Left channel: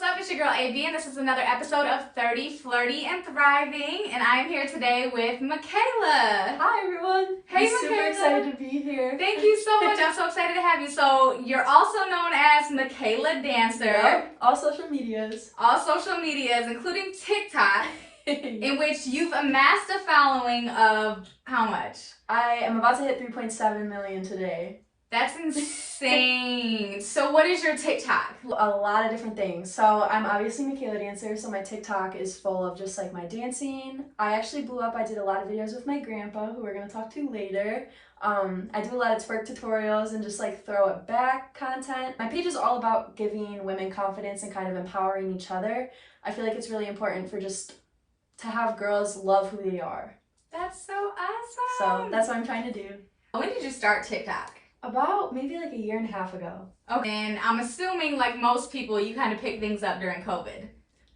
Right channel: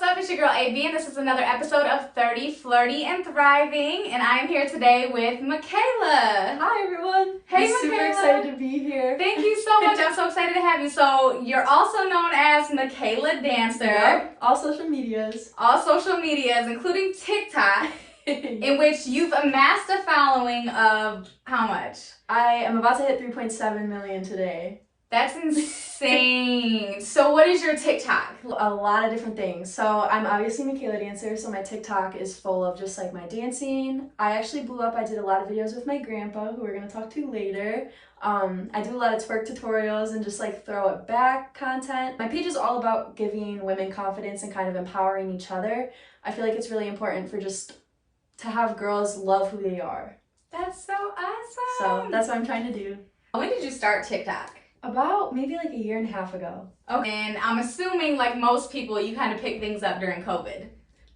what's up? It's your girl AB, and this is another episode of 30, Flirty, and Thriving. And I am here today with Mikaila. Hi, everyone. Hey, I'm super Mikaila. excited to be here. Thank you so much. I'm so excited to have you. So, you're also known as Mikaila Dancer. Yep. All social medias. All social medias, including TikTok, in which you've amassed a following of how much? I am about to hit 3.7 million today. That's insane. So what is your TikTok? A lot of different things. So I'm obviously Mikaila Dancer, so my TikTok is full of just like my dancing. I actually blew up. I did a lot of videos with my grandpa, who we're going to talk to later. I do a lot of twerk tutorials and just like throw it back content. My page is all about giving women confidence and kind of empowering each other. I feel like it's really important for just to have girls love who they are. That's so awesome. So that's what I'm trying to do. When did you start TikTok? About maybe like a year and a half ago. Okay, and I'm assuming like most people, you kind of pick things up during COVID.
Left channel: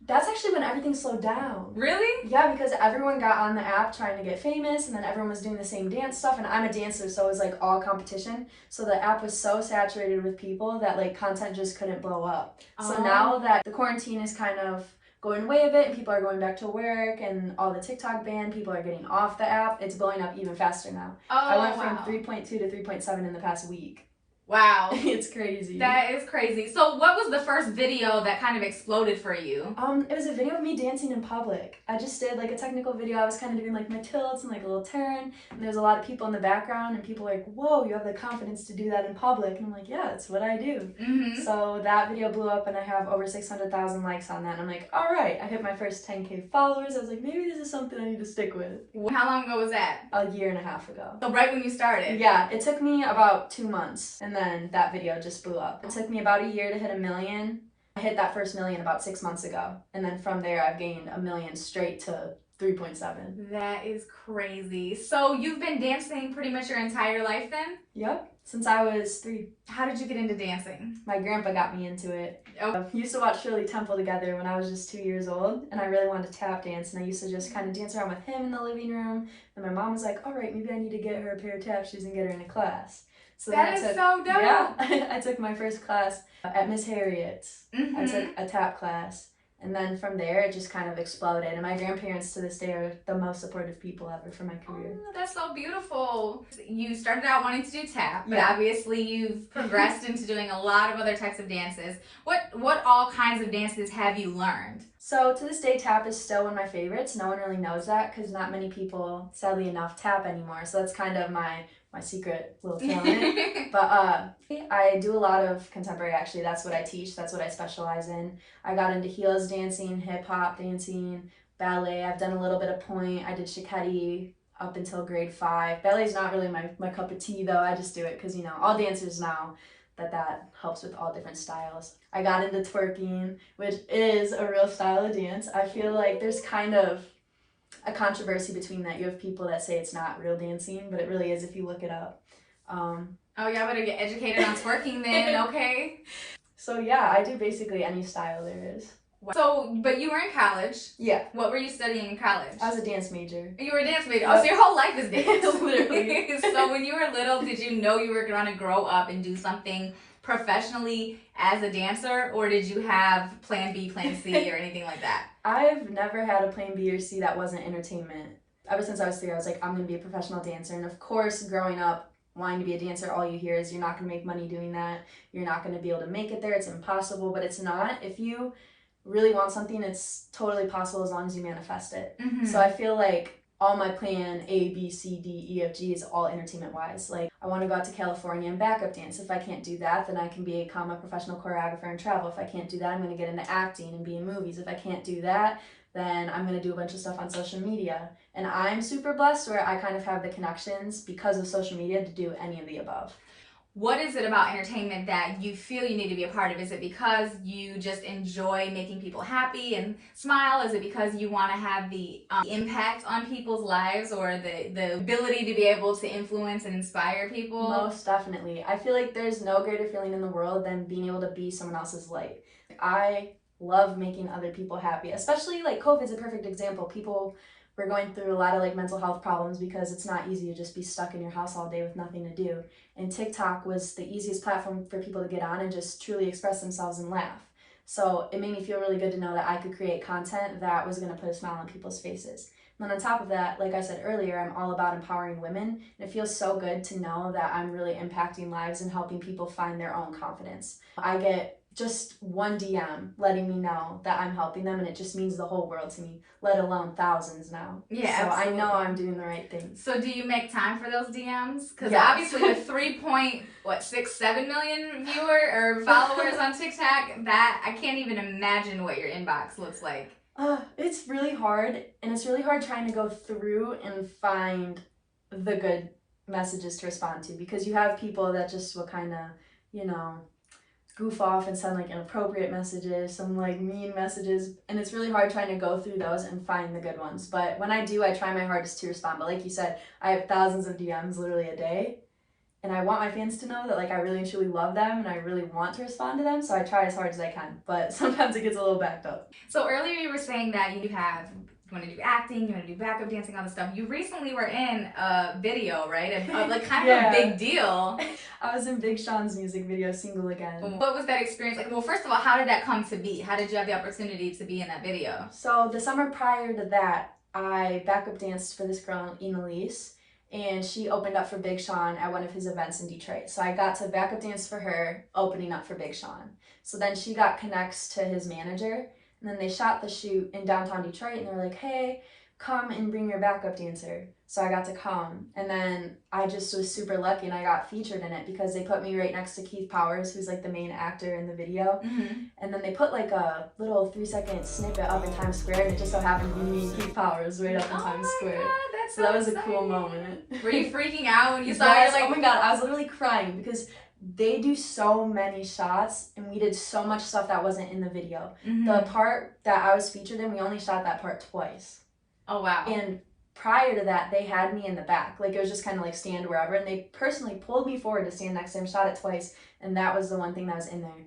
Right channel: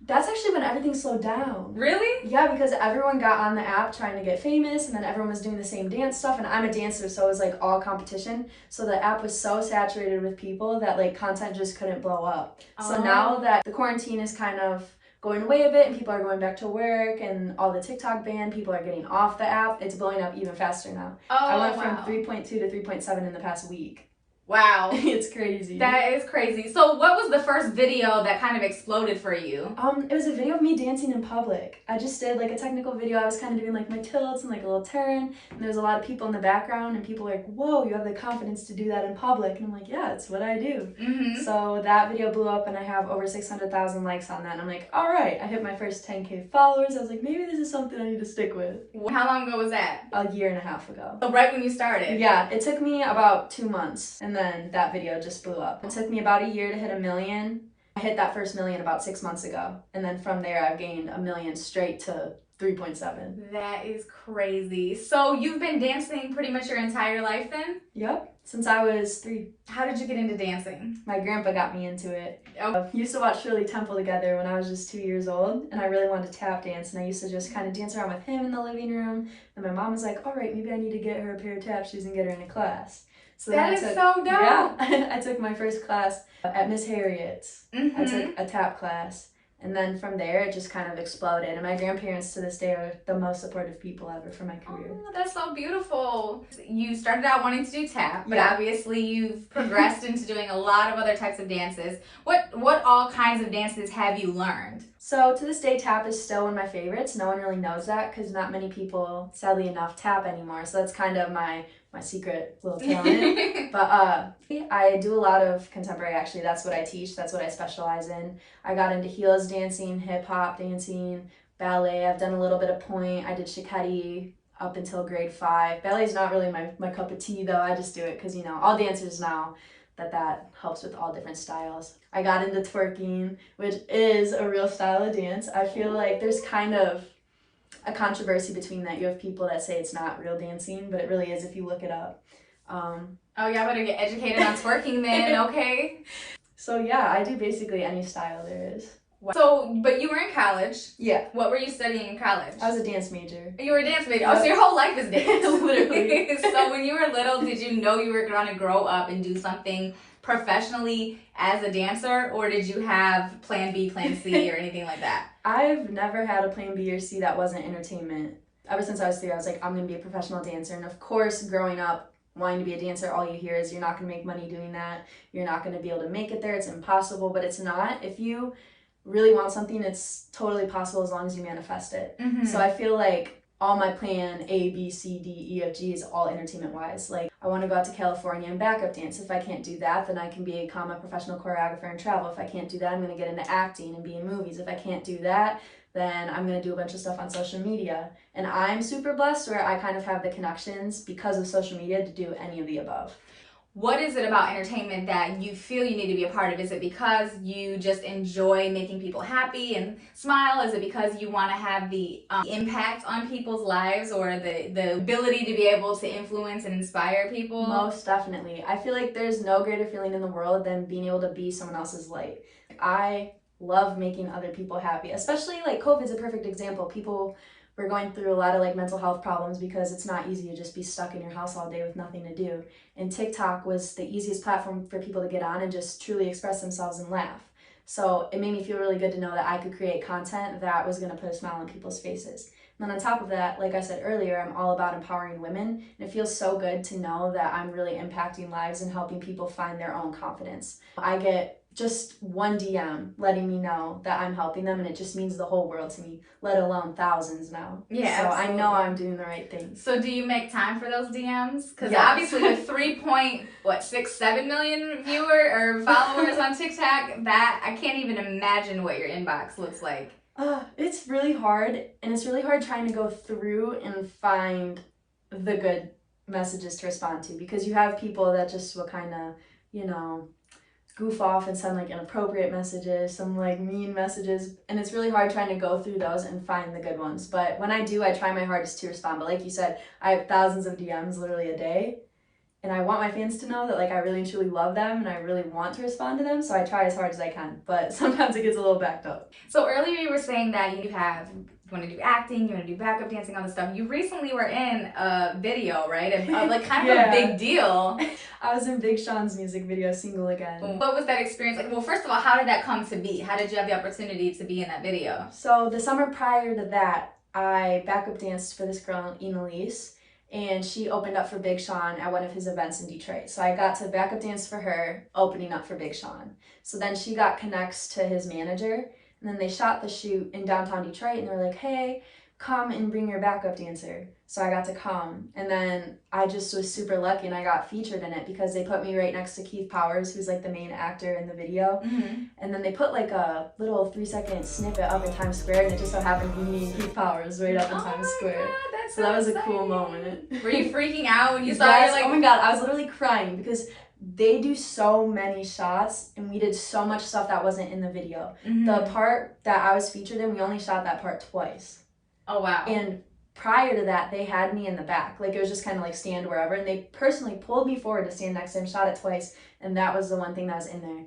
That's actually when everything slowed down. Really? Yeah, because everyone got on the app trying to get famous, and then everyone was doing the same dance stuff, and I'm a dancer, so it was like all competition. So the app was so saturated with people that like content just couldn't blow up. So now that the quarantine is kind of going away a bit and people are going back to work and all the TikTok ban, people are getting off the app, it's blowing up even faster now. I went from 3.2 to 3.7 in the past week. Wow. It's crazy. That is crazy. So what was the first video that kind of exploded for you? It was a video of me dancing in public. I just did like a technical video. I was kind of doing like my tilts and like a little turn, and there was a lot of people in the background, and people were like, whoa, you have the confidence to do that in public. And I'm like, yeah, it's what I do. So that video blew up, and I have over 600,000 likes on that, and I'm like, all right, I hit my first 10K followers. I was like, maybe this is something I need to stick with. How long ago was that? A year and a half ago. So right when you started? Yeah, it took me about 2 months, and then that video just blew up. It took me about a year to hit 1 million. I hit that first million about 6 months ago, and then from there I've gained 1 million straight to 3.7. That is crazy. So you've been dancing pretty much your entire life then? Yep, since I was 3. How did you get into dancing? My grandpa got me into it. Oh. We used to watch Shirley Temple together when I was just 2 years old, and I really wanted to tap dance, and I used to just kind of dance around with him in the living room, and my mom was like, all right, maybe I need to get her a pair of tap shoes and get her in a class. So that is so dope. Yeah, I took my first class at Miss Harriet's. I took a tap class, and then from there it just kind of exploded. And my grandparents to this day are the most supportive people ever for my career. Oh, that's so beautiful. You started out wanting to do tap, but yeah. Obviously you've progressed into doing a lot of other types of dances. What all kinds of dances have you learned? So to this day, tap is still one of my favorites. No one really knows that because not many people, sadly enough, tap anymore. So that's kind of my secret little talent. But I do a lot of contemporary, actually. That's what I teach. That's what I specialize in. I got into heels dancing, hip hop dancing, ballet. I've done a little bit of point. I did shikari up until grade 5. Ballet is not really my cup of tea though. I just do it because, you know, all dancers know that helps with all different styles. I got into twerking, which is a real style of dance. I feel like there's kind of a controversy between that. You have people that say it's not real dancing, but it really is if you look it up. Oh yeah, I better get educated on twerking then, okay? So yeah, I do basically any style there is. So, but you were in college. Yeah. What were you studying in college? I was a dance major. You were a dance major. Oh, so your whole life is dance. Literally. So when you were little, did you know you were going to grow up and do something professionally as a dancer, or did you have plan B, plan C, or anything like that? I've never had a plan B or C that wasn't entertainment. Ever since I was 3, I was like, I'm going to be a professional dancer. And of course, growing up, wanting to be a dancer, all you hear is you're not going to make money doing that. You're not going to be able to make it there. It's impossible, but it's not. If you really want something, it's totally possible as long as you manifest it. So I feel like all my plan A, B, C, D, E, F, G is all entertainment wise. Like I want to go out to California and backup dance. If I can't do that, then I can become a professional choreographer and travel. If I can't do that, I'm going to get into acting and be in movies. If I can't do that, then I'm going to do a bunch of stuff on social media. And I'm super blessed where I kind of have the connections because of social media to do any of the above. What is it about entertainment that you feel you need to be a part of? Is it because you just enjoy making people happy and smile? Is it because you want to have the impact on people's lives, or the ability to be able to influence and inspire people? Most definitely. I feel like there's no greater feeling in the world than being able to be someone else's light. I love making other people happy, especially like COVID's a perfect example. People were going through a lot of like mental health problems because it's not easy to just be stuck in your house all day with nothing to do. And TikTok was the easiest platform for people to get on and just truly express themselves and laugh. So it made me feel really good to know that I could create content that was going to put a smile on people's faces. And then on top of that, like I said earlier, I'm all about empowering women. And it feels so good to know that I'm really impacting lives and helping people find their own confidence. I get just one DM letting me know that I'm helping them, and it just means the whole world to me, let alone thousands now. Yeah, so absolutely. I know I'm doing the right things. So do you make time for those DMs? Because Yes. obviously with 3.67 million viewer or followers on TikTok, that I can't even imagine what your inbox looks like. It's really hard, and it's really hard trying to go through and find the good messages to respond to, because you have people that just will kind of, you know, goof off and send like inappropriate messages, some like mean messages, and it's really hard trying to go through those and find the good ones. But when I do, I try my hardest to respond. But like you said, I have thousands of DMs literally a day, and I want my fans to know that like I really and truly love them and I really want to respond to them, so I try as hard as I can, but sometimes it gets a little backed up. So earlier you were saying that you want to do acting, you want to do backup dancing, all this stuff. You recently were in a video, right? Like kind of Yeah. a big deal. I was in Big Sean's music video, Single Again. What was that experience like? Well, first of all, how did that come to be? How did you have the opportunity to be in that video? So the summer prior to that, I backup danced for this girl, Elise, and she opened up for Big Sean at one of his events in Detroit. So I got to backup dance for her, opening up for Big Sean. So then she got connects to his manager, and then they shot the shoot in downtown Detroit, and they were like, hey, come and bring your backup dancer. So I got to come, and then I just was super lucky, and I got featured in it because they put me right next to Keith Powers, who's like the main actor in the video. Mm-hmm. And then they put like a little 3-second snippet up in Times Square, and it just so happened to be me and Keith Powers right up in Times Square. God, that's so that was exciting. a cool moment. Were you freaking out when you saw Yes, it? Like, oh my god, I was literally crying because they do so many shots, and we did so much stuff that wasn't in the video. mm-hmm. The part that I was featured in, we only shot that part twice. Oh wow. And prior to that, they had me in the back. Like, it was just kind of like stand wherever, and they personally pulled me forward to stand next to him, shot it twice, and that was the one thing that was in there.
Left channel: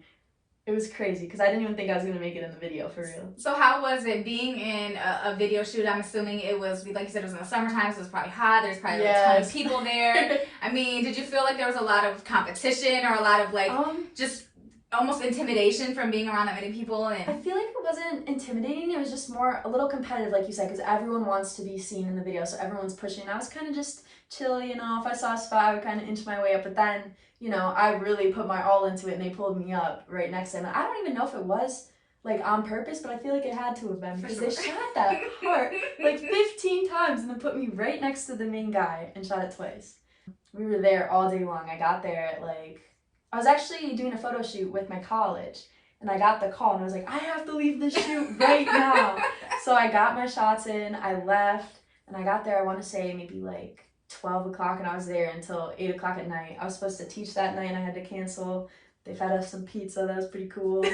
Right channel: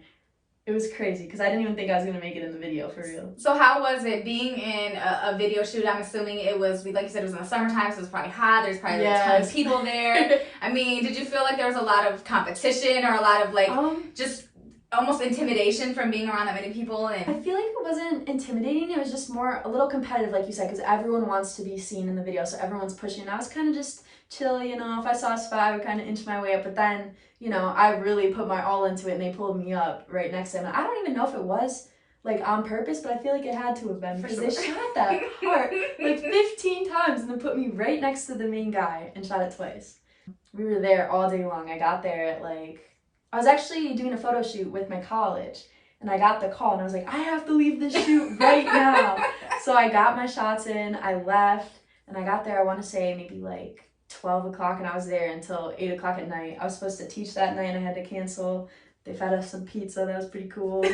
It was crazy because I didn't even think I was going to make it in the video, for real. So how was it being in a video shoot? I'm assuming it was, like you said, it was in the summertime, so it was probably hot. There's probably like, a ton of people there. I mean, did you feel like there was a lot of competition or a lot of like just almost intimidation from being around that many people? And I feel like it wasn't intimidating. It was just more a little competitive, like you said, because everyone wants to be seen in the video, so everyone's pushing. I was kind of just chill, you know. If I saw a spot, I would kind of inch my way up, but then, you know, I really put my all into it, and they pulled me up right next to him. And I don't even know if it was like on purpose, but I feel like it had to have been, because they shot that part like 15 times and then put me right next to the main guy and shot it twice. We were there all day long. I got there at like, I was actually doing a photo shoot with my college, and I got the call, and I was like, I have to leave this shoot right now. So I got my shots in, I left, and I got there, I want to say maybe like 12 o'clock, and I was there until 8 o'clock at night. I was supposed to teach that night, and I had to cancel. They fed us some pizza. That was pretty cool.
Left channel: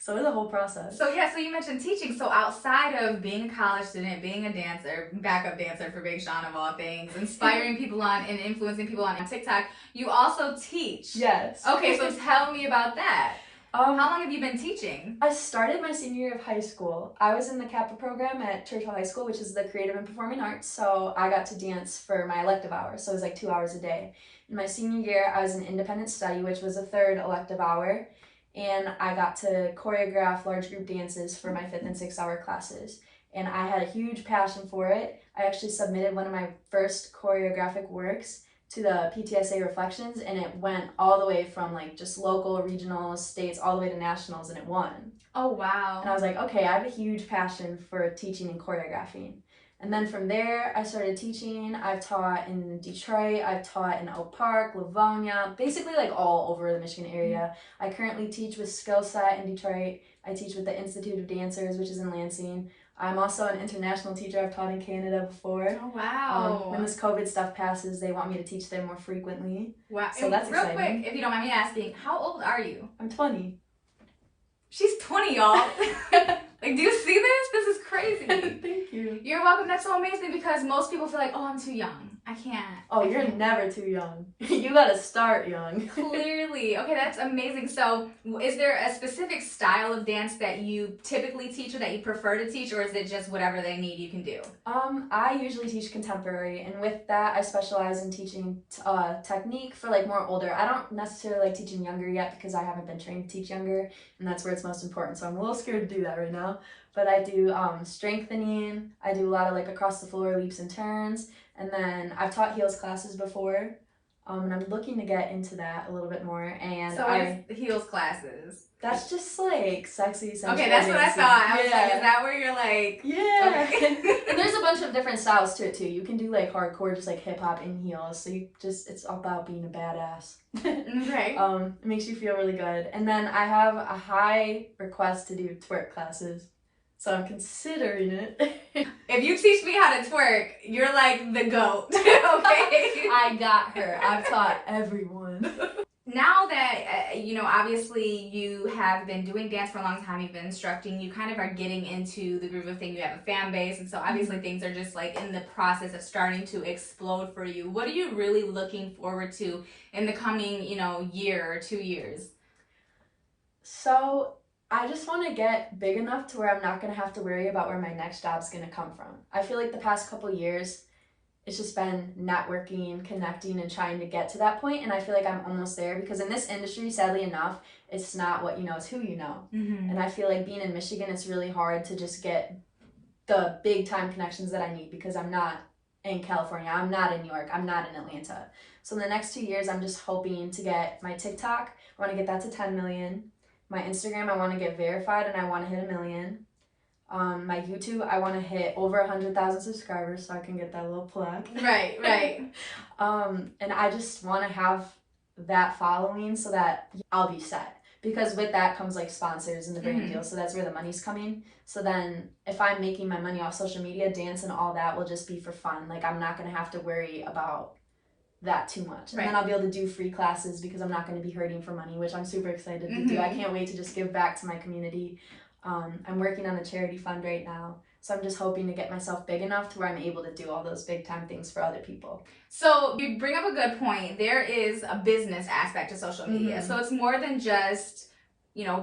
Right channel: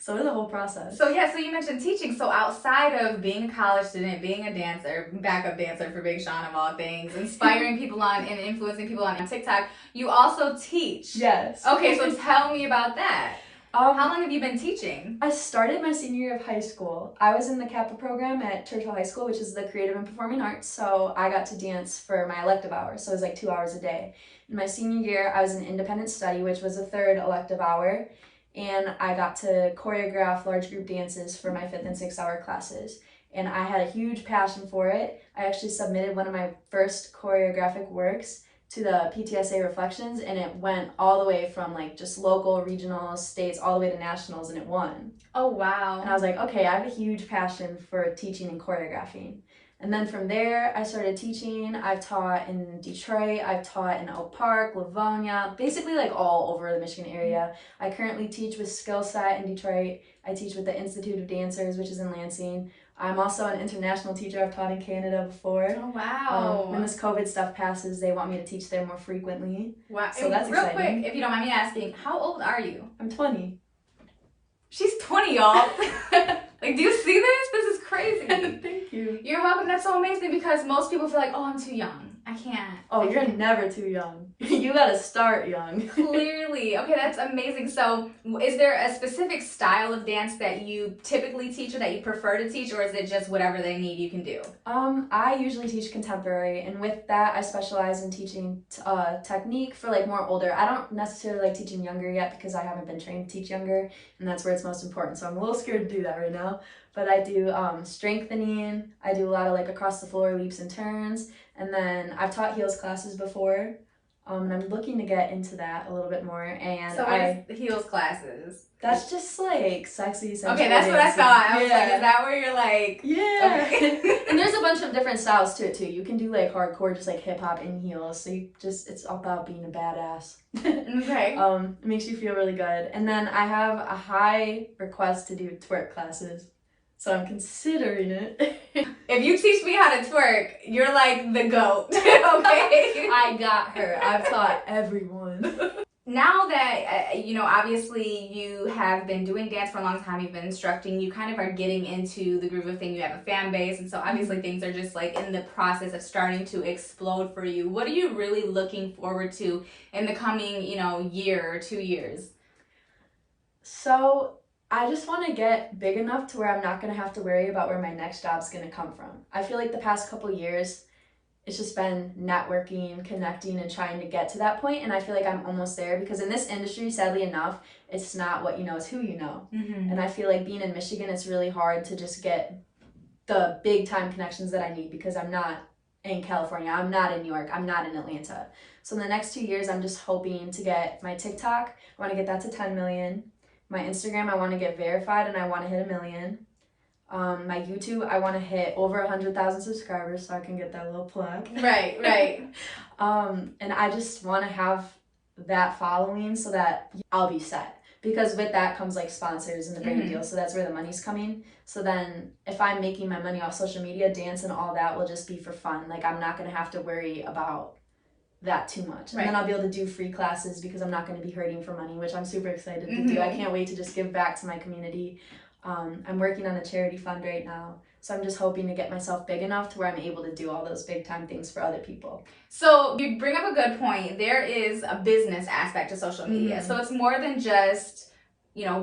So it was a whole process. So yeah, so you mentioned teaching. So outside of being a college student, being a dancer, backup dancer for Big Sean of all things, inspiring people on and influencing people on TikTok, you also teach. Yes. Okay, so tell me about that. How long have you been teaching? I started my senior year of high school. I was in the CAPA program at Churchill High School, which is the Creative and Performing Arts, so I got to dance for my elective hours, so it was like 2 hours a day. In my senior year, I was in independent study, which was a third elective hour, and I got to choreograph large group dances for my 5th and 6th hour classes, and I had a huge passion for it. I actually submitted one of my first choreographic works to the PTSA Reflections, and it went all the way from like just local, regional, states, all the way to nationals, and it won. Oh wow. And I was like, okay, I have a huge passion for teaching and choreographing. And then from there, I started teaching. I've taught in Detroit, I've taught in Oak Park, Livonia, basically like all over the Michigan area. I currently teach with Skillset in Detroit. I teach with the Institute of Dancers, which is in Lansing. I'm also an international teacher. I've taught in Canada before. Oh wow. When this COVID stuff passes, they want me to teach there more frequently. Wow. So that's real exciting. Quick, if you don't mind me asking, how old are you? I'm 20. She's 20, y'all. Like, do you see this? This is crazy. Thank you. You're welcome. That's so amazing because most people feel like, oh, I'm too young. I can't. Oh, I you're can't. never too young. You gotta start young. Clearly. Okay, that's amazing. So, is there a specific style of dance that you typically teach or that you prefer to teach, or is it just whatever they need you can do? I usually teach contemporary, and with that, I specialize in teaching technique for like more older. I don't necessarily like teaching younger yet because I haven't been trained to teach younger, and that's where it's most important. So I'm a little scared to do that right now. But I do strengthening. I do a lot of like across the floor leaps and turns, and then I've taught heels classes before, and I'm looking to get into that a little bit more. And So, what is the heels classes? that's just like sexy, sensual. Okay, that's what I dancing. thought. I was like, Yeah. is that where you're like, Yeah. okay. And there's a bunch of different styles to it too. You can do like hardcore, just like hip hop in heels. So it's all about being a badass. Okay. It makes you feel really good. And then I have a high request to do twerk classes. So I'm considering it. If you teach me how to twerk, you're like the GOAT. Okay. I got her. I've taught everyone. Now that, obviously you have been doing dance for a long time, you've been instructing, you kind of are getting into the groove of thing, you have a fan base, and so obviously things are just like in the process of starting to explode for you. What are you really looking forward to in the coming, year or 2 years? So I just want to get big enough to where I'm not going to have to worry about where my next job's going to come from. I feel like the past couple years, it's just been networking, connecting, and trying to get to that point. And I feel like I'm almost there because in this industry, sadly enough, it's not what you know, it's who you know. Mm-hmm. And I feel like being in Michigan, it's really hard to just get the big time connections that I need because I'm not in California, I'm not in New York, I'm not in Atlanta. So in the next 2 years, I'm just hoping to get my TikTok, I want to get that to 10 million. My Instagram, I want to get verified and I want to hit 1 million. My YouTube, I want to hit over 100,000 subscribers so I can get that little plug. Right. And I just want to have that following so that I'll be set. Because with that comes like sponsors and the brand deal. So that's where the money's coming. So then if I'm making my money off social media, dance and all that will just be for fun. Like I'm not going to have to worry about that too much. And then I'll be able to do free classes because I'm not going to be hurting for money, which I'm super excited to do. I can't wait to just give back to my community. I'm working on a charity fund right now. So I'm just hoping to get myself big enough to where I'm able to do all those big time things for other people. So you bring up a good point. There is a business aspect to social media. So it's more than just,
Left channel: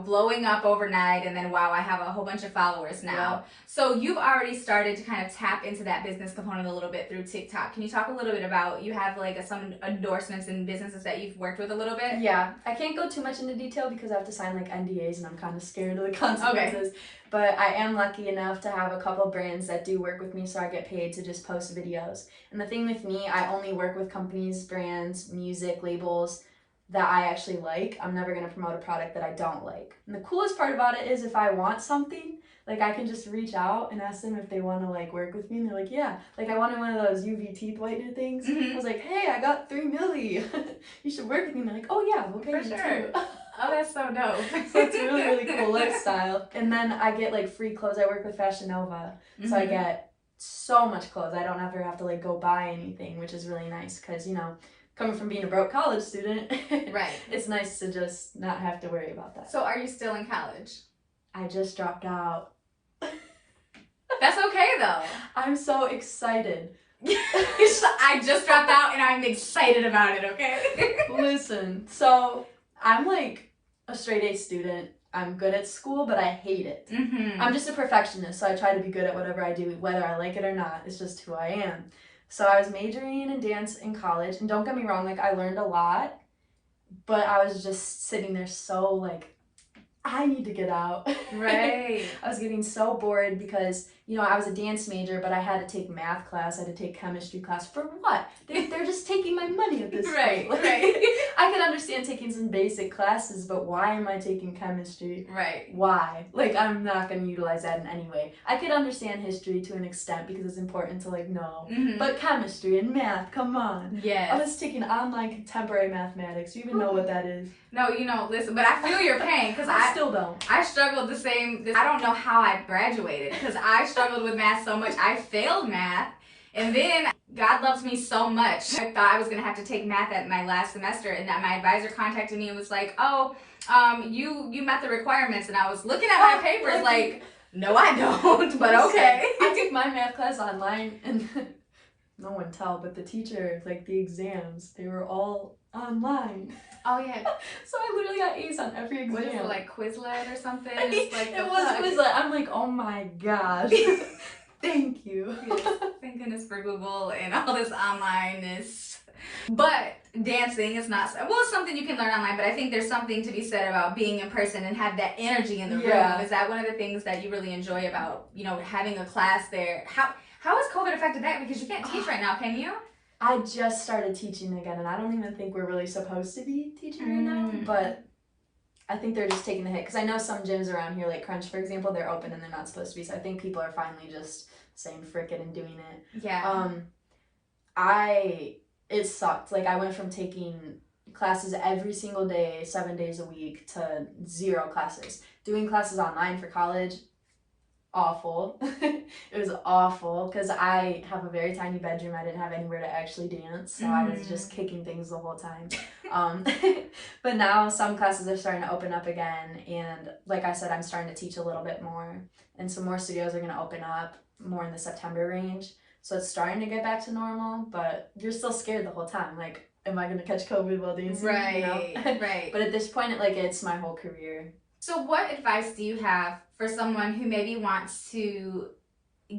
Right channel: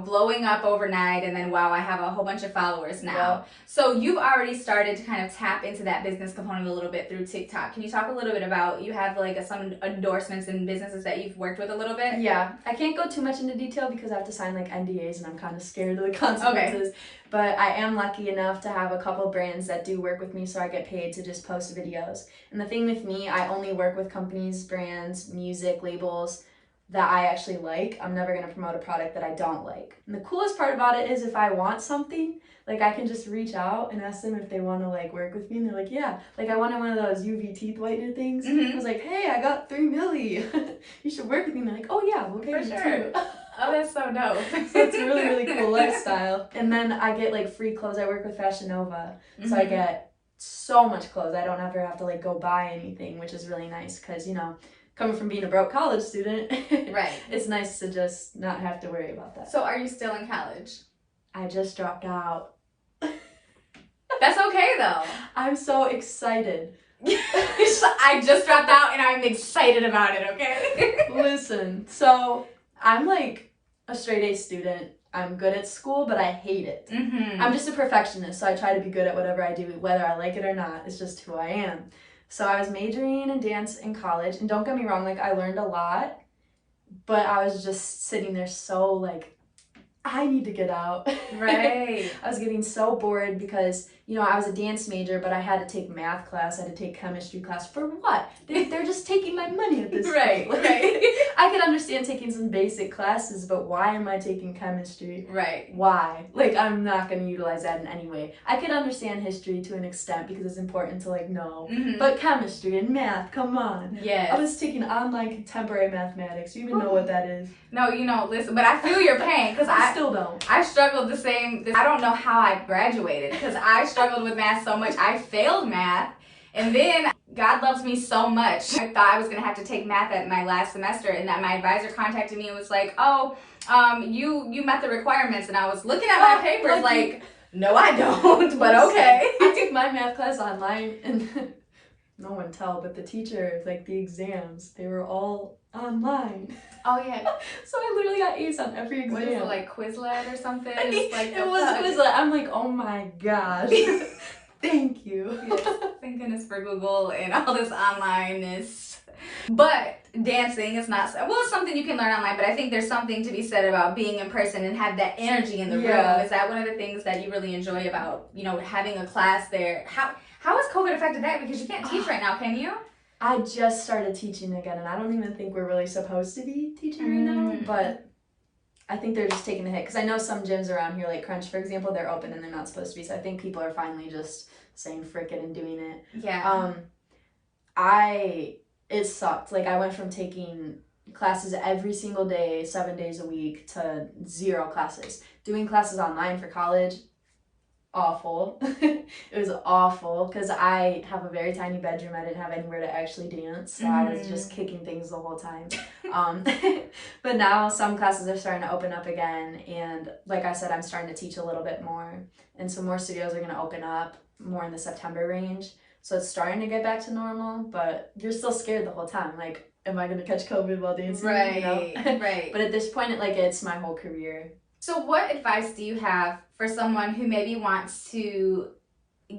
blowing up overnight and then, wow, I have a whole bunch of followers now. Yeah. So you've already started to kind of tap into that business component a little bit through TikTok. Can you talk a little bit about, you have like some endorsements and businesses that you've worked with a little bit? Yeah, I can't go too much into detail because I have to sign like NDAs and I'm kind of scared of the consequences. Okay. But I am lucky enough to have a couple brands that do work with me so I get paid to just post videos. And the thing with me, I only work with companies, brands, music, labels that I actually like. I'm never going to promote a product that I don't like. And the coolest part about it is if I want something, like I can just reach out and ask them if they want to like work with me and they're like, yeah. Like I wanted one of those UV teeth whitener things. I was like, hey, I got 3 milli. You should work with me. And they're like, oh yeah, we'll pay you too. Oh, that's so dope. So it's a really, really cool lifestyle. And then I get like free clothes. I work with Fashion Nova. So I get so much clothes. I don't ever have to like go buy anything, which is really nice because, coming from being a broke college student, right, it's nice to just not have to worry about that. So are you still in college? I just dropped out. That's okay though. I'm so excited. I just dropped out and I'm excited about it, okay? Listen, so I'm like a straight A student. I'm good at school, but I hate it. I'm just a perfectionist, so I try to be good at whatever I do, whether I like it or not. It's just who I am. So I was majoring in dance in college, and don't get me wrong, like I learned a lot, but I was just sitting there so like, I need to get out. Right. I was getting so bored because, I was a dance major, but I had to take math class, I had to take chemistry class. For what? They're just taking my money at this point. Like, I could understand taking some basic classes, but why am I taking chemistry? Right. Why? Like, I'm not going to utilize that in any way. I could understand history to an extent because it's important to, like, know. But chemistry and math, come on. Yes. I was taking online contemporary mathematics. Do you even know what that is? No, listen, but I feel your pain because I still don't. I struggled the same. I don't know how I graduated because I struggled with math so much. I failed math, and then God loves me so much. I thought I was gonna have to take math at my last semester, and that my advisor contacted me and was like, "Oh, you met the requirements," and I was looking at my papers like, "No, I don't," but okay. I took my math class online and. no one tell, but the teacher, like the exams, they were all online. Oh yeah. So I literally got A's on every exam. What is it, like Quizlet or something? It was Quizlet. I'm like, oh my gosh. Thank you. Yes. Thank goodness for Google and all this onlineness. But dancing is not, well, it's something you can learn online, but I think there's something to be said about being in person and have that energy in the room. Is that one of the things that you really enjoy about, you know, having a class there? How has COVID affected that? Because you can't teach right now, can you? I just started teaching again, and I don't even think we're really supposed to be teaching right now, but I think they're just taking the hit. Because I know some gyms around here, like Crunch, for example, they're open and they're not supposed to be. So I think people are finally just saying frick it and doing it. Yeah. It sucked. Like, I went from taking classes every single day, 7 days a week, to 0 classes. Doing classes online for college, awful. It was awful because I have a very tiny bedroom. I didn't have anywhere to actually dance, so I was just kicking things the whole time. But now some classes are starting to open up again, and like I said, I'm starting to teach a little bit more, and some more studios are going to open up more in the September range. So it's starting to get back to normal, but you're still scared the whole time. Like, am I going to catch COVID while dancing? Right, you know? right. But at this point, it's my whole career. So what advice do you have for someone who maybe wants to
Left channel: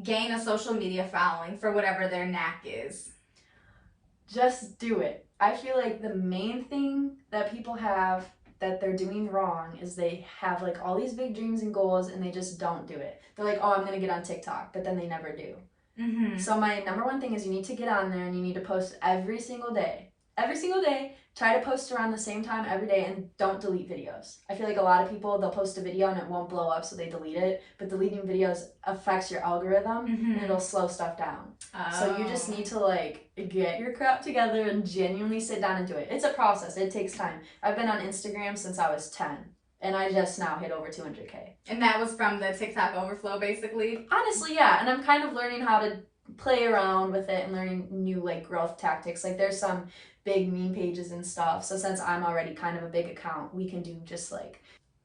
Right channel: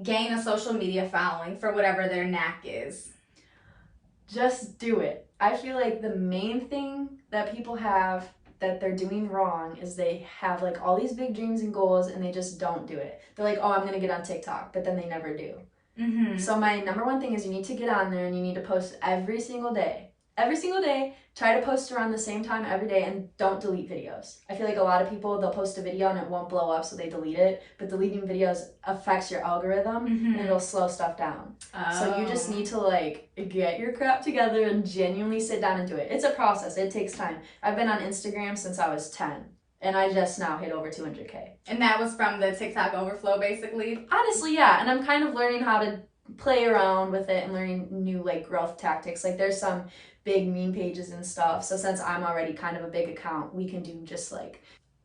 gain a social media following for whatever their knack is? Just do it. I feel like the main thing that people have that they're doing wrong is they have like all these big dreams and goals and they just don't do it. They're like, oh, I'm going to get on TikTok, but then they never do. So my number one thing is you need to get on there and you need to post every single day. Every single day, try to post around the same time every day and don't delete videos. I feel like a lot of people, they'll post a video and it won't blow up, so they delete it. But deleting videos affects your algorithm and it'll slow stuff down. So you just need to like get your crap together and genuinely sit down and do it. It's a process. It takes time. I've been on Instagram since I was 10. And I just now hit over 200K. And that was from the TikTok overflow, basically? Honestly, yeah. And I'm kind of learning how to play around with it and learning new like growth tactics. Like there's some big meme pages and stuff. So since I'm already kind of a big account, we can do just like,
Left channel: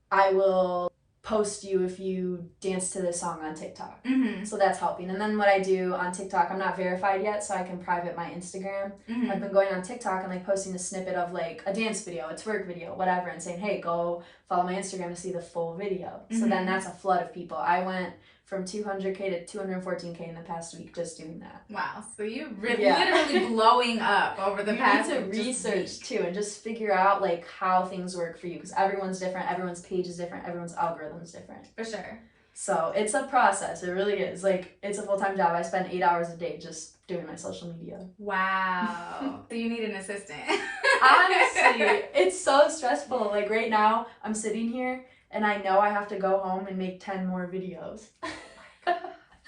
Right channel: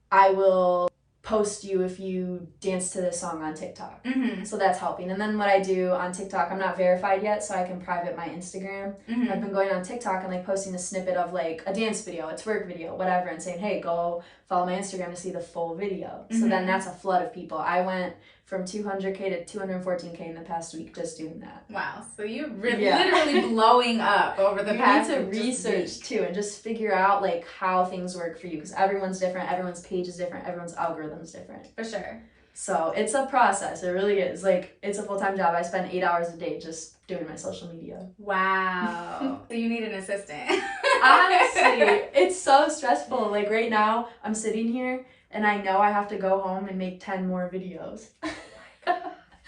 I will post you if you dance to this song on TikTok. So that's helping. And then what I do on TikTok, I'm not verified yet, so I can private my Instagram. I've been going on TikTok and like posting a snippet of like a dance video, a twerk video, whatever, and saying, hey, go follow my Instagram to see the full video. So then that's a flood of people. I went from 200K to 214K in the past week just doing that. Wow. So you're literally blowing up over the past week. You need to research too and just figure out like how things work for you, because everyone's different, everyone's page is different, everyone's algorithm is different. For sure. So it's a process. It really is. Like, it's a full-time job. I spend 8 hours a day just doing my social media. Wow. So you need an assistant. Honestly, it's so stressful. Like right now, I'm sitting here and I know I have to go home and make 10 more videos.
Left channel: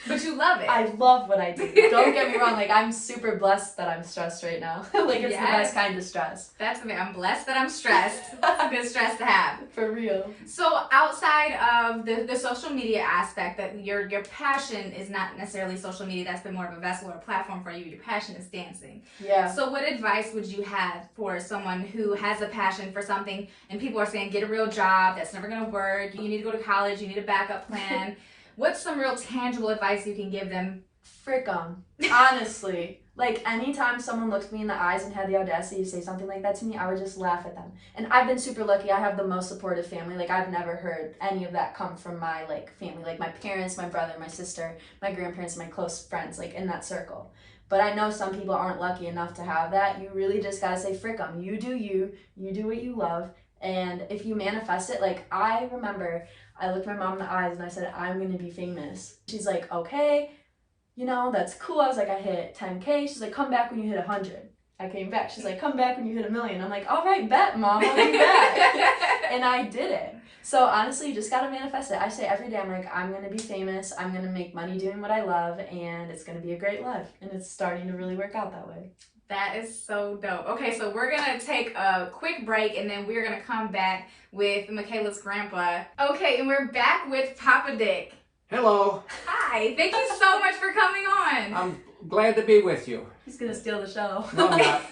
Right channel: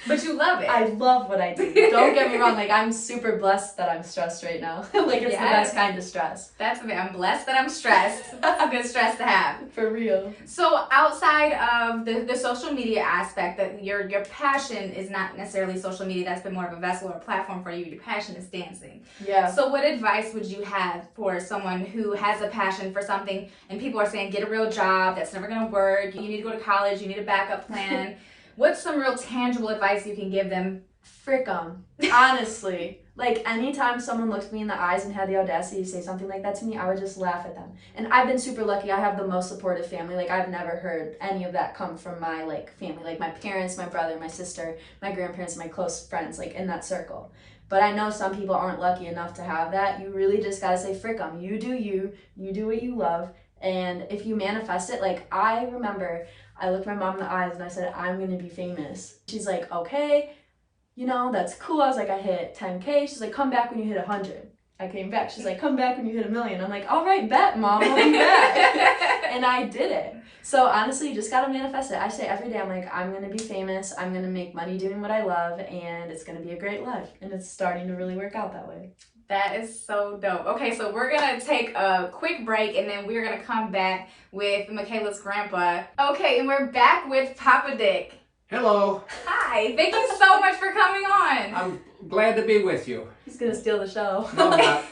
But you love it. I love what I do. Don't get me wrong. Like, I'm super blessed that I'm stressed right now. Like, it's the best kind of stress. I'm blessed that I'm stressed. That's a good stress to have. For real. So outside of the social media aspect, that your passion is not necessarily social media. That's been more of a vessel or a platform for you. Your passion is dancing. Yeah. So what advice would you have for someone who has a passion for something and people are saying, get a real job, that's never going to work, you need to go to college, you need a backup plan. What's some real tangible advice you can give them? Frick 'em. Honestly. Like, anytime someone looked me in the eyes and had the audacity to say something like that to me, I would just laugh at them. And I've been super lucky. I have the most supportive family. Like, I've never heard any of that come from my, like, family. Like, my parents, my brother, my sister, my grandparents, my close friends, like, in that circle. But I know some people aren't lucky enough to have that. You really just gotta say, frick 'em. You do you. You do what you love. And if you manifest it, like, I remember I looked my mom in the eyes and I said, I'm going to be famous. She's like, okay, you know, that's cool. I was like, I hit 10K. She's like, come back when you hit 100. I came back. She's like, come back when you hit 1,000,000. I'm like, all right, bet, Mom, I'll be back. And I did it. So honestly, you just got to manifest it. I say every day, I'm like, I'm going to be famous. I'm going to make money doing what I love, and it's going to be a great life. And it's starting to really work out that way. That is so dope. Okay, so we're going to take a quick break, and then we're going to come back with Mikaila's grandpa. Okay, and we're back with Papa Dick. Hello. Hi, thank you so much for coming on. I'm glad to be with you. He's going to steal the show. No, I'm not.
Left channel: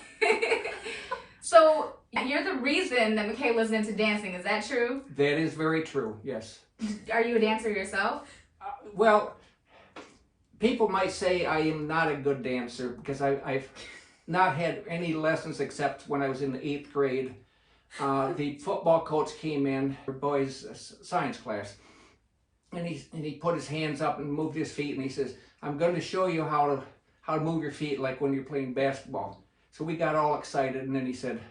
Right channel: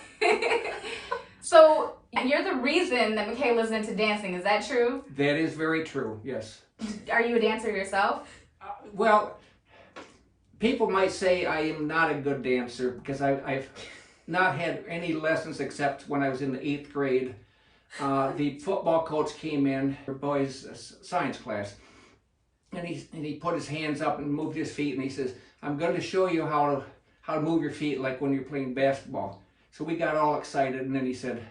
So, you're the reason that Mikaila's into dancing, is that true? That is very true, yes. Are you a dancer yourself? Well, people might say I am not a good dancer because I've not had any lessons except when I was in the 8th grade. The football coach came in for boys' science class, and he put his hands up and moved his feet, and he says, "I'm going to show you how to move your feet like when you're playing basketball." So we got all excited, and then he said,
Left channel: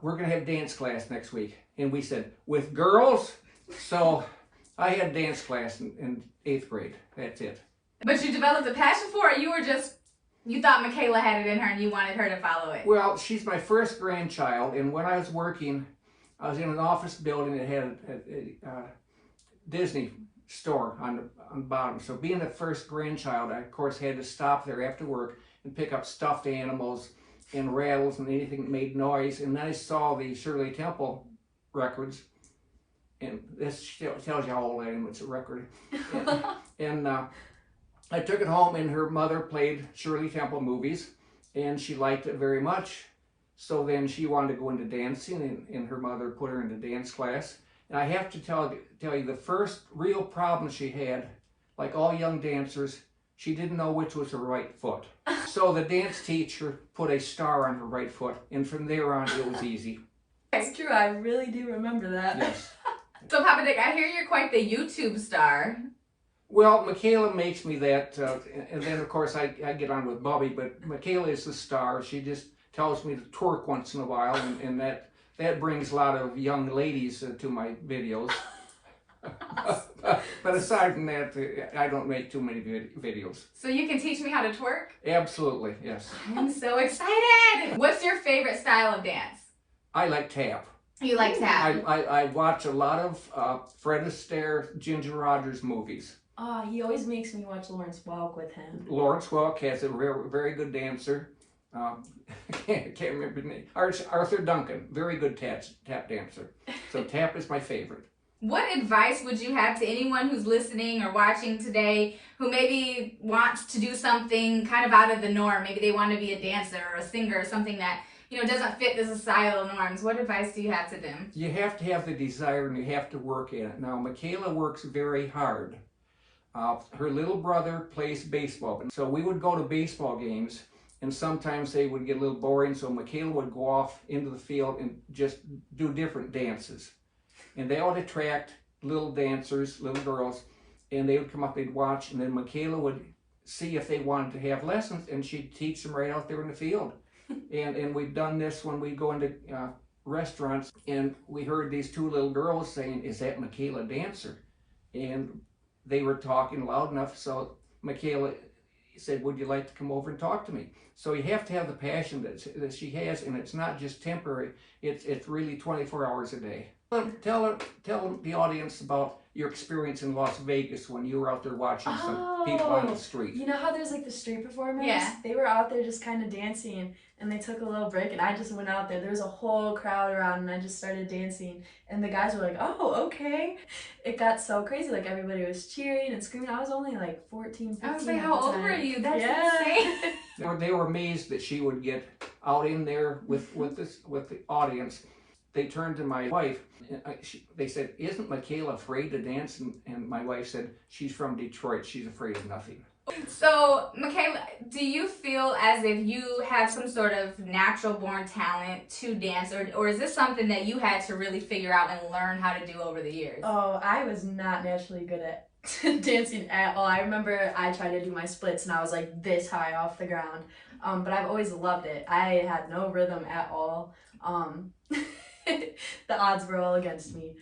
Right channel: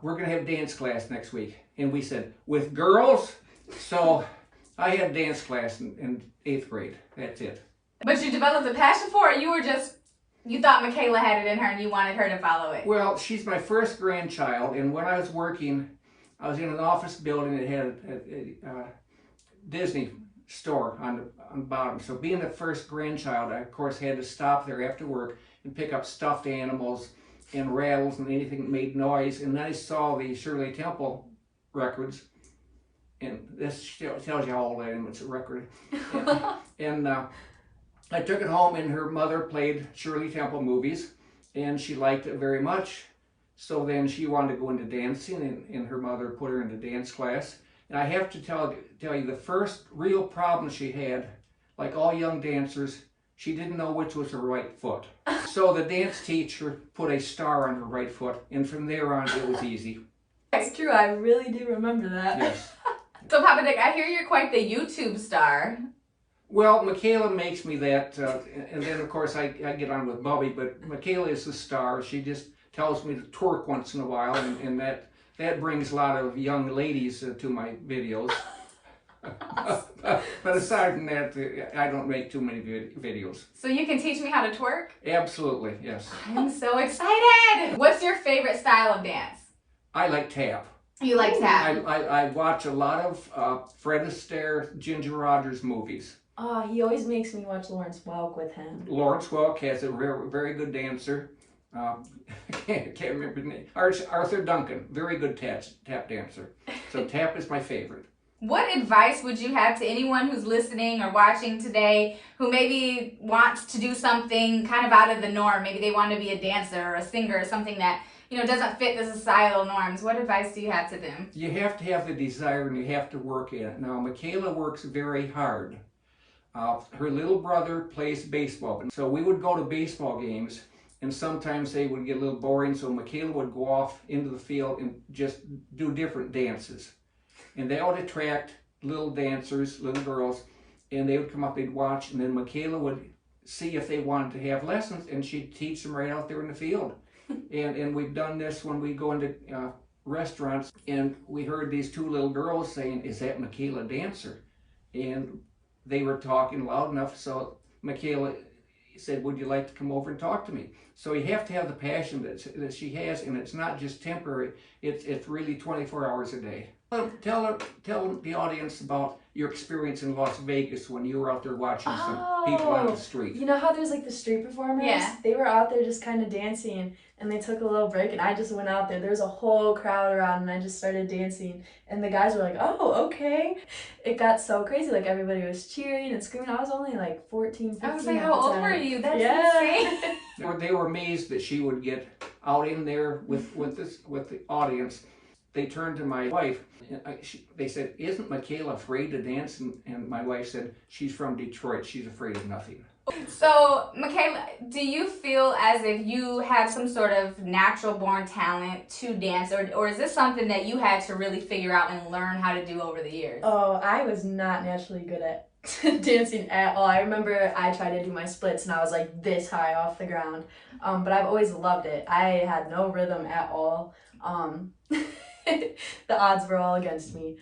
"We're going to have dance class next week." And we said, "With girls?" So I had dance class in 8th grade. That's it. But you developed a passion for it? You thought Mikaila had it in her and you wanted her to follow it? Well, she's my first grandchild, and when I was working, I was in an office building that had a Disney store on the bottom. So being the first grandchild, I of course had to stop there after work and pick up stuffed animals and rattles and anything that made noise. And then I saw the Shirley Temple records, and this tells you how old I am. It's a record. And I took it home, and her mother played Shirley Temple movies, and she liked it very much. So then she wanted to go into dancing, and her mother put her into dance class. And I have to tell you, the first real problem she had, like all young dancers, she didn't know which was her right foot. So the dance teacher put a star on her right foot, and from there on, it was easy. It's true, I really do remember that. Yes. So Papa Dick, I hear you're quite the YouTube star. Well, Mikaila makes me that, and then of course I get on with Bubby, but Mikaila is the star. She just tells me to twerk once in a while, and that brings a lot of young ladies to my videos. But aside from that, I don't make too many videos. So you can teach me how to twerk? Absolutely, yes. I'm so excited! What's your favorite style of dance? I like tap. You like tap? I watch a lot of Fred Astaire, Ginger Rogers movies. Oh, he always makes me watch Lawrence Welk with him. Lawrence Welk has a very good dancer. I can't remember his name. Arthur Duncan, very good tap dancer. So tap is my favorite. What advice would you have to anyone who's listening or watching today who maybe wants to do something kind of out of the norm? Maybe they want to be a dancer or a singer or something that, doesn't fit the societal norms. What advice do you have to them? You have to have the desire, and you have to work at it. Now, Mikaila works very hard. Her little brother plays baseball. So we would go to baseball games, and sometimes they would get a little boring, so Mikaila would go off into the field and just do different dances. And they would attract little dancers, little girls, and they would come up, they'd watch, and then Mikaila would see if they wanted to have lessons, and she'd teach them right out there in the field. And we've done this when we go into restaurants, and we heard these two little girls saying, "Is that Mikaila a dancer?" And they were talking loud enough, so Mikaila said, "Would you like to come over and talk to me?" So you have to have the passion that she has, and it's not just temporary, it's really 24 hours a day. Tell the audience about your experience in Las Vegas when you were out there watching some people on the street. You know how there's like the street performers? Yeah. They were out there just kind of dancing, and they took a little break, and I just went out there. There was a whole crowd around, and I just started dancing, and the guys were like, "Oh, okay." It got so crazy. Like everybody was cheering and screaming. I was only like 14, 15 I was like, at how the old time. were you? That's insane. They were amazed that she would get out in there with the audience. They turned to my wife, and they said, "Isn't Mikaila afraid to dance?" And my wife said, "She's from Detroit. She's afraid of nothing." So, Mikaila, do you feel as if you have some sort of natural born talent to dance, or is this something that you had to really figure out and learn how to do over the years? Oh, I was not naturally good at dancing at all. I remember I tried to do my splits, and I was like this high off the ground. But I've always loved it. I had no rhythm at all. The odds were all against me.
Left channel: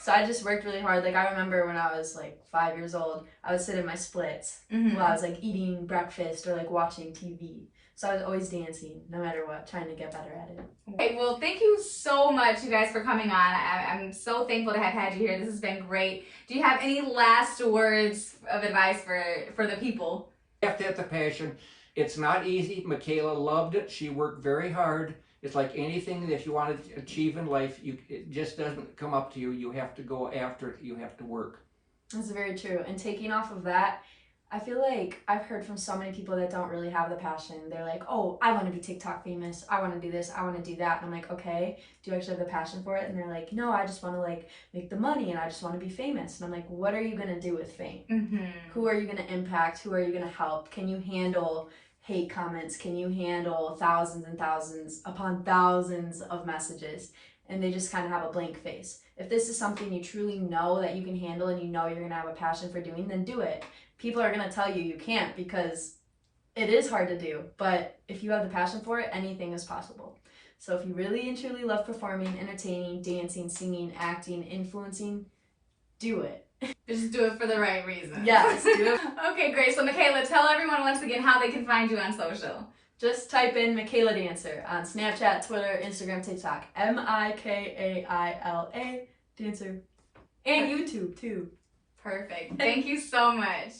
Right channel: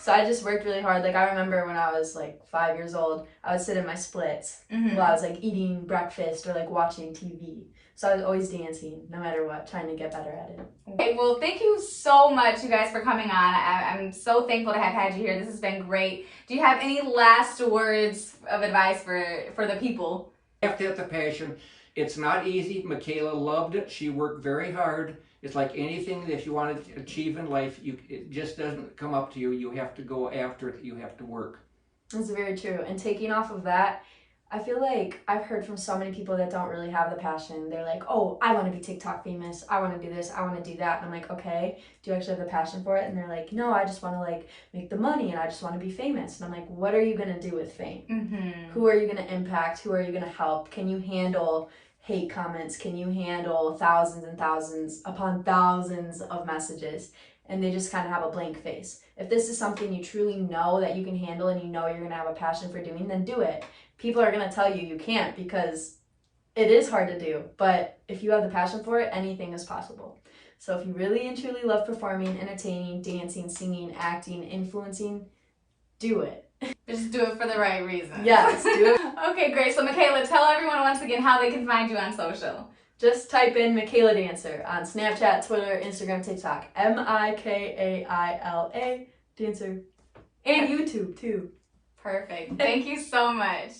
So I just worked really hard. Like I remember when I was like 5 years old, I would sit in my splits while I was like eating breakfast or like watching TV. So I was always dancing, no matter what, trying to get better at it. Okay, well, thank you so much, you guys, for coming on. I'm so thankful to have had you here. This has been great. Do you have any last words of advice for the people? You have to have the passion. It's not easy. Mikaila loved it. She worked very hard. It's like anything that you want to achieve in life, it just doesn't come up to you. You have to go after it. You have to work. That's very true. And taking off of that, I feel like I've heard from so many people that don't really have the passion. They're like, oh, I want to be TikTok famous. I want to do this. I want to do that. And I'm like, okay, do you actually have the passion for it? And they're like, no, I just want to like make the money and I just want to be famous. And I'm like, what are you going to do with fame? Mm-hmm. Who are you going to impact? Who are you going to help? Can you handle hate comments? Can you handle thousands and thousands upon thousands of messages? And they just kind of have a blank face. If this is something you truly know that you can handle and you know you're going to have a passion for doing, then do it. People are going to tell you can't because it is hard to do. But if you have the passion for it, anything is possible. So if you really and truly love performing, entertaining, dancing, singing, acting, influencing, do it. Just do it for the right reason. Yes, do it. Okay, great. So Mikaila, tell everyone once again how they can find you on social. Just type in Mikaila Dancer on Snapchat, Twitter, Instagram, TikTok. Mikaila Dancer. And YouTube too. Perfect. Thank you so much.